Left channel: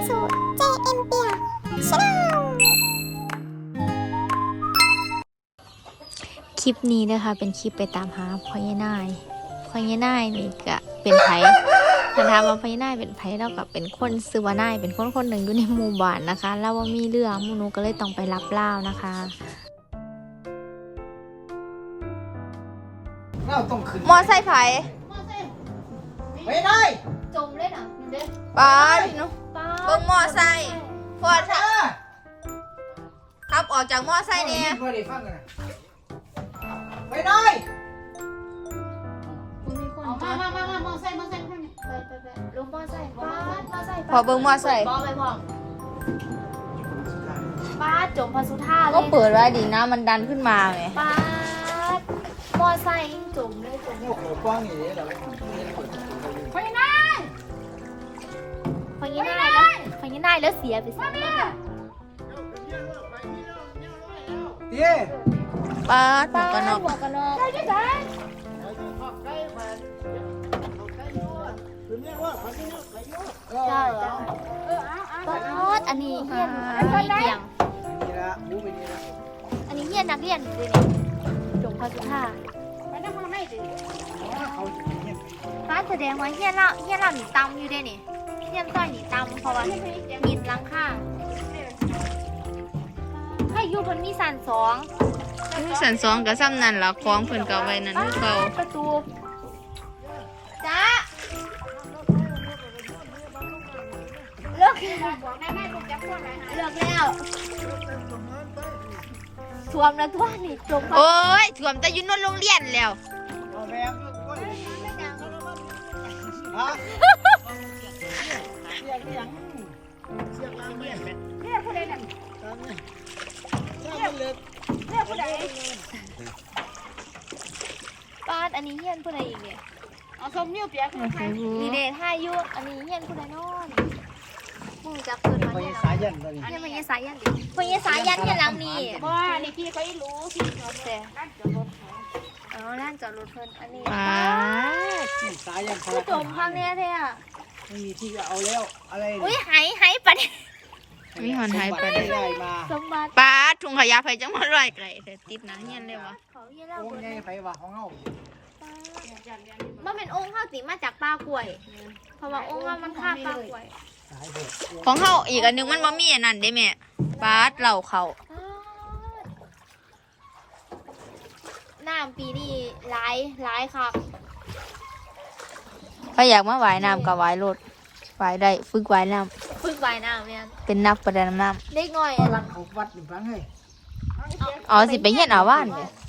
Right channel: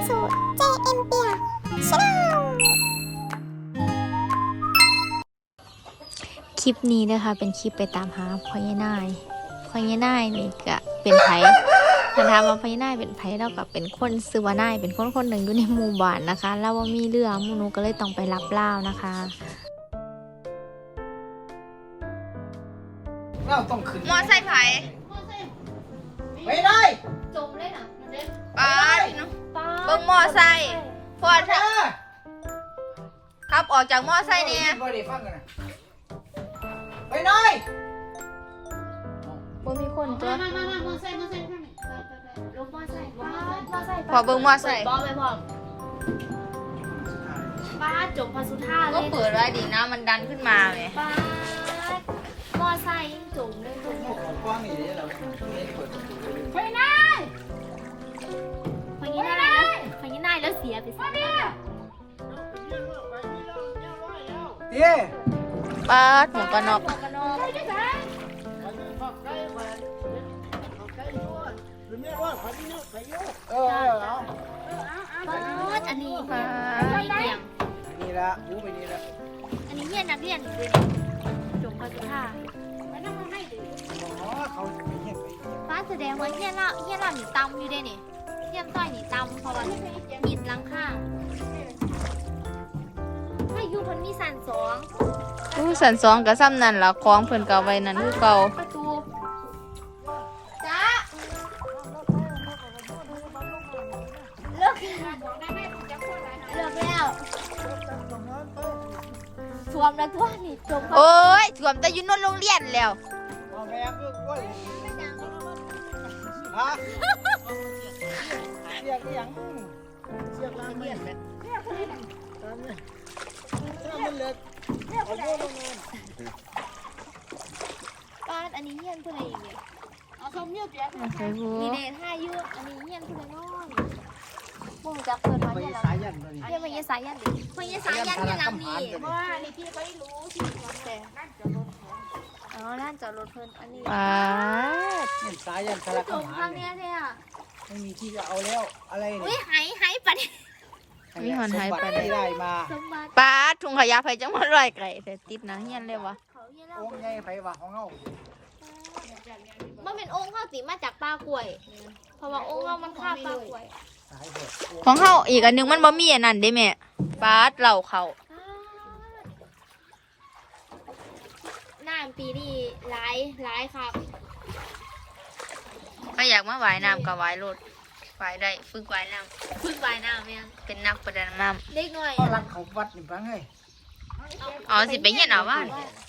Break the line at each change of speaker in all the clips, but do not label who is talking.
สู่ JM เปียชาแนลคลิปนี้นะคะเป็นคลิปไปตามหาพ่อยายนายนี่ก็เป็นไผคันถามว่าพ่อยายนายเป็นไผแล้วก็เป็นคนซื้อว่านายเป็นคนหนึ่งอยู่ในหมู่บ้านนะคะแล้วว่ามีเรือหมู่หนูก็เลยต้องไปรับเล่านะคะ
เราต้องขึ้น
มอไซค์ไผ
ไม่ได้
จมเลยนะเด้อ
ป้าเนาะเบิ่งมอไซค์พอดครับออกจากมอไซค์เนี่ย
ไม่ได้ฟังกันนะไม่ได้
บ่มีคน
มา
จ้ะ
มอไซค์ไปลงมอไซค์
พอเบิ่งมอไซค์
บอไปพอป้าจมพอสุธาเลย
ก็เปิดไว้ดีนะมันดันขึ้นมาไง
ป้ามอไซค์จมเลยจม
โอ้โหกว้างอย่างนี้เหรอ
ไปได้พอยี่ได้แล้วเสียไปซะ
เย้
ป้าหมวกกันน็อก
กันเนาะอันนี้เกี่ยง
นี่ละรู้ไปนี่ละ
อันนี้เฮียนนักเรียนคือเนี่ยจมพอสุธาไปนั่งมาให้ดิ
อ๋อเขาเห็น
ป้าแสดงว่าเฮียนเราหนีตำอยู่ได้นี่เฮียนต้อยหนีตำเพราะว่ามีดลังค่าให้ยูมันมีสันสอง
สันสองกับซ้ำนั่นละคล้องเพิ่นก็ไว้นั่นคือเก่า
ประตูจ้าเลิกแล้วสวมแล้วตัวนี่จม
โอ้ยถ่วมแต่อยู่นนโรงเรียนแล้ว
เอาแม่ด้วยกล้วยฮะเสียงยังเสียงยังเนี่ย
เรียกผู้ใดนั่นเรียกผู้ใดป้านอันนี้เฮียนผู้ใดอีกเนี่ยเอาส้มเมี่ยวเปียก
โอเคผู้
มีเดทให้ยุอันนี้เฮียนผู้ใดนอนมึงจักเกินมา
ไม่
เนี่ย
สายยันเลย
เฮียนมันยังสายยันดิมันยังสายยันเฮียนหลังนี่ว่านี่พี่เขารู้ที่จอดแต่ร้านจอดรถอ๋อร้านจอดรถเพิ่นอันนี้
ป้า
ไม่สายยัน
ผู้จมข้างเนี้ยแท้อะ
ไม่มีที่จะเอาแล้วอะไร
อุ้ยหายปัด
มีหอนหายไปเลย
ได้มา
สมบัติ
ป้าถุงขยะไปจังมาลอยไก่แต่ติดหนังเฮียนเลยวะ
เขาเฮียนเรา
โอ้
เบิ
ย
ด
ไงไผว่าของเฮา
มันเป็นองค์ข้าวติมาจากปลากล้วย เพราะว่าองค์ข้าวมันฆ่าปลากล้วย
สายเบิด
ของเขาอีกอันหนึงมันบ่มีอันนั้นเด้แม่ป้าเหล่าเขา
น้ำปีนี้หลายครับ
ถ้าอยากมาว่ายน้ำก็ว่ายรถว่ายได้ฝึกว่ายน้
ฝึกว่ายน้ำยัง
ำเป็นนักประดาน้
เล็กน้อย
วัดเขาวัดหนึ่งครั้งเลย
ำอ๋อสิไปเฮียนเอาว่าน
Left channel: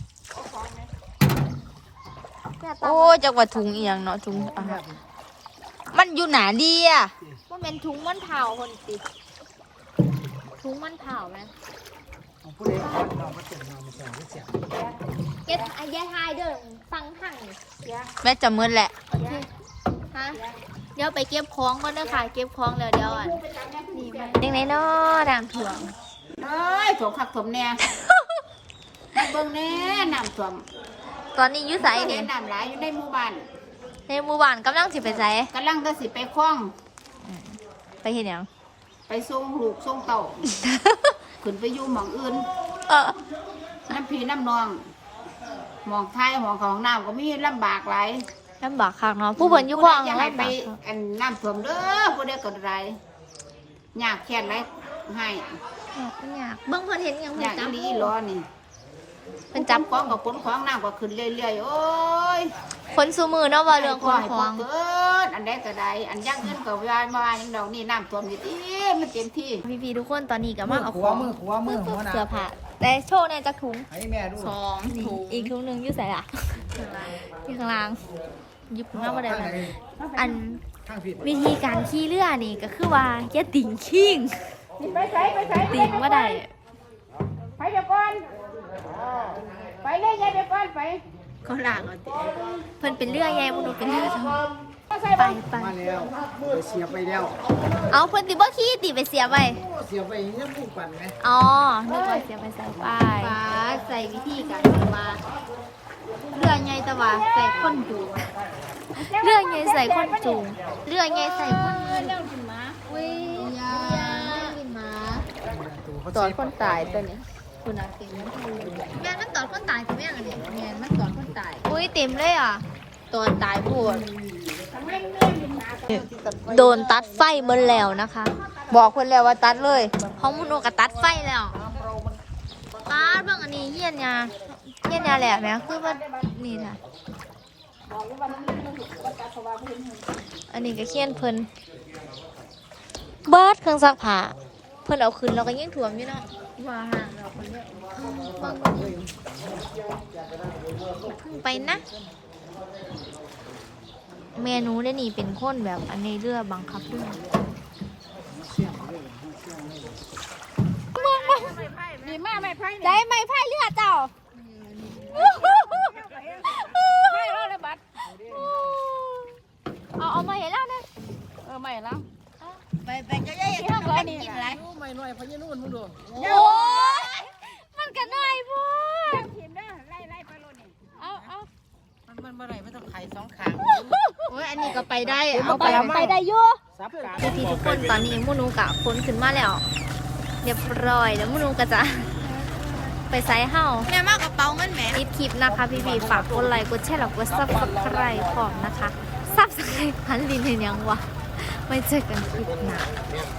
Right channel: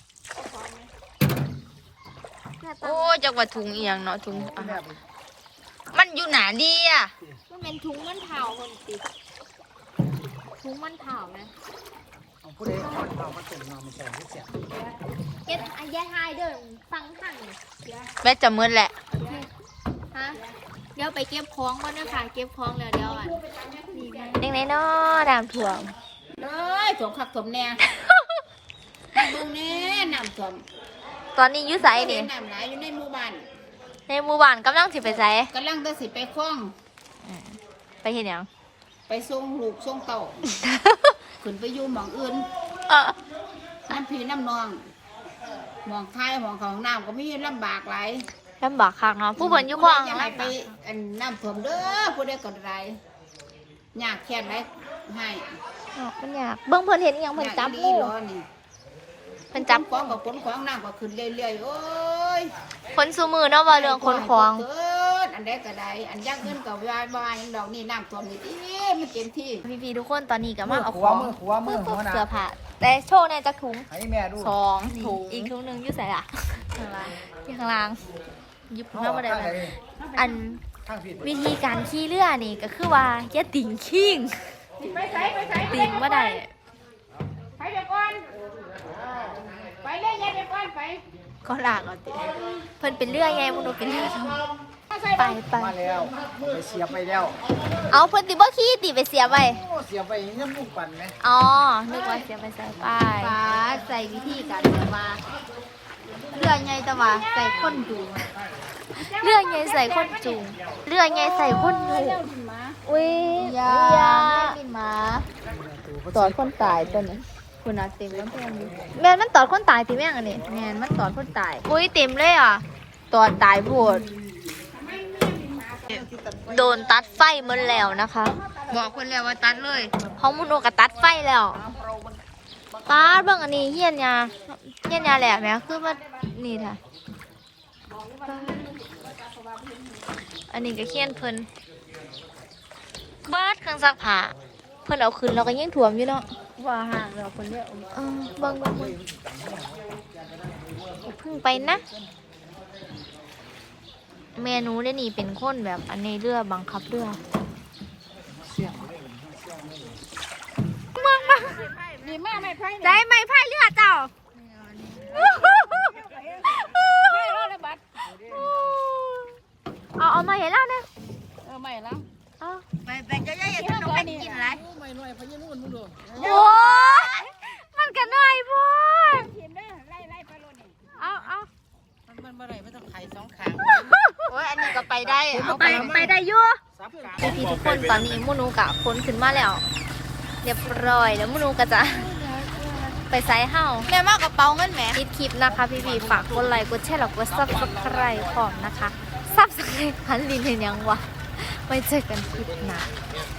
โอ้ยจักว่าถุงเอียงเนาะถุงอาหารมันอยู่หนาดีอ่ะ
ว่าเป็นถุงมันเผาคนติดถุงมันเผาไหม
ของผู้ใดเอาเรามาส่งมาไม่ใช่ไม่เสีย
เก็ตไอ้ยายทายเดินฟังหั่งเดี๋ยว
แม่จะมืดแหละ
โอเคฮะเดี๋ยวไปเก็บของก่อนนะค่ะเก็บของแล้วเดี๋ยวอ่ะนี่ไหม
เด็กไหนเนาะด่างถ่วง
เอ้ยถมขักถมแน่ เบิ่งแน่น้ำท่วม
ตอนนี้อยุ่ไสนี่
น้ำหลายอยู่ในหมู่บ้าน
ในหมู่บ้านกำลังสิไปไส
กำลังจะสิไปคล้อง
ไปเห็นยัง
ไปส่งลูกส่งเต่า ขึ้นไปอยู่หม่องอื่น
เออ
น้ำพี่น้ำนองหมองไทยหมองของน้ำก็มีลำบากหลาย
ลำบากคักเนาะผู้เพิ่นอยู่ขวาง
ผู้ใดจะให้ไป
ลำบาก
อันน้ำท่วมเด้อผู้ใดก็ได้ยากแค่ไหนให้
เนาะมันยากเบิ่งเพิ่นเห็นหยังเพิ่น
ยาก
จับ
ดี
ผู้
รอนี่
เพิ่นจับ
ของกับขนของน้ำก็ขึ้นเรื่อยๆโอ้ย
คนซูมือเนาะว่าเรื่องคนของ
เกินอันใดก็ได้อันยากเงินก็วายมาอย่างดอกนี่น้ำท่วมนี่ติมันเต็มที่
พี่ๆทุกคนตอนนี้ก็มาเอาของ
หัวมือหัวหน้า
เสื้อผ้าแต่โชว์ในจักถุง
ให้แม่ดู
2 ถุงอีกถุงหนึงอยู่ไสอ่ะที่ข้างล่างยุบมาบ่ได้แบบอัน
ข้างผิด
วิธีการขี่เรือนี่ก็คือว่าอย่าติ่งขิงติ่งบ่ได้
ไปเดี๋ยวก่อนไปเลยยายเดี๋ยวก่อนไป
ก็ลากเอาติเพิ่นเป็นเรือไงบ่รู้เป็นเรือทำไป
มาแล้วไปเสียบไปแล้ว
เอาเพิ่นสิบ่ขี่ติไปเสียไว้
เสียบไปยังมุกปั่นไหม
อ๋อนึกว่าเสียไปใส่ป้ายป้าใส่วิธีการแบบว่าเรือไงแต่ว่าใส่คนจูงเรือไงใส่คนจูงเรือไงใส่คนจูงอุ้ยยา
ตอดคนตายตัวนี้คนอาเต็มแล้ว
แม่นมันตอดคนตายสิแม่งอันนี้
แมนมันตอดคนตาย
อุ้ยเต็มเลยอ่ะ
ตอดตายพูด
โดนตัดไฟหมดแล้วนะคะ บอกคนแล้วว่าตัดเลยห้องมุนโอกะตัดไฟแล้วตัดเบิ่งอันนี้เฮียนยาแหละแม่คือว่านี่ค่ะอันนี้ก็เขียนเพิ่นเบิดเครื่องซักผ้าเพิ่นเอาขึ้นเราก็ยังถ่วมอยู่เนาะ
ว่าห่างกับคนเยอะ
เบิ่งเพิ่งไปนะ เมนูได้นี่เป็นคนแบบอันในเรือบังคับเรือ
ดีมากไม่ไพ่
ได้ไหมพายเรือเจ้า
ไพ่รอดเลยบัด
เอามาเห็นแล้วเนี่ย
ไม่แล้ว
ไปเจ้าใหญ่
ที่ห้องก่อนนี่
ไม่น้อยพะยี่นู่นมึงดู
โอ้ยมันก็น่อยพูด
ทีมเด้อไล่ไปโลนี่
เอา
มันเมื่อไรไม่ต้องไข่2ขาง
โอ้ยอันนี้ก็ไปได้
ไปได้อยั่ว
ซับกา
พี่ทุกคนตอนนี้มูนูกะคนขึ้นมาแล้วเรียบร้อยแล้วมูนูก็จะไปไซส์เฮา
แม่มากกระเป๋าเงินแหม
ปิดคลิปนะคะพี่ๆฝากกดไลค์กดแชร์แล้วกดซับสไครต์พร้อมนะคะซับสไครต์พันลินเห็นยังวะไว้เจอกันคลิปหน้า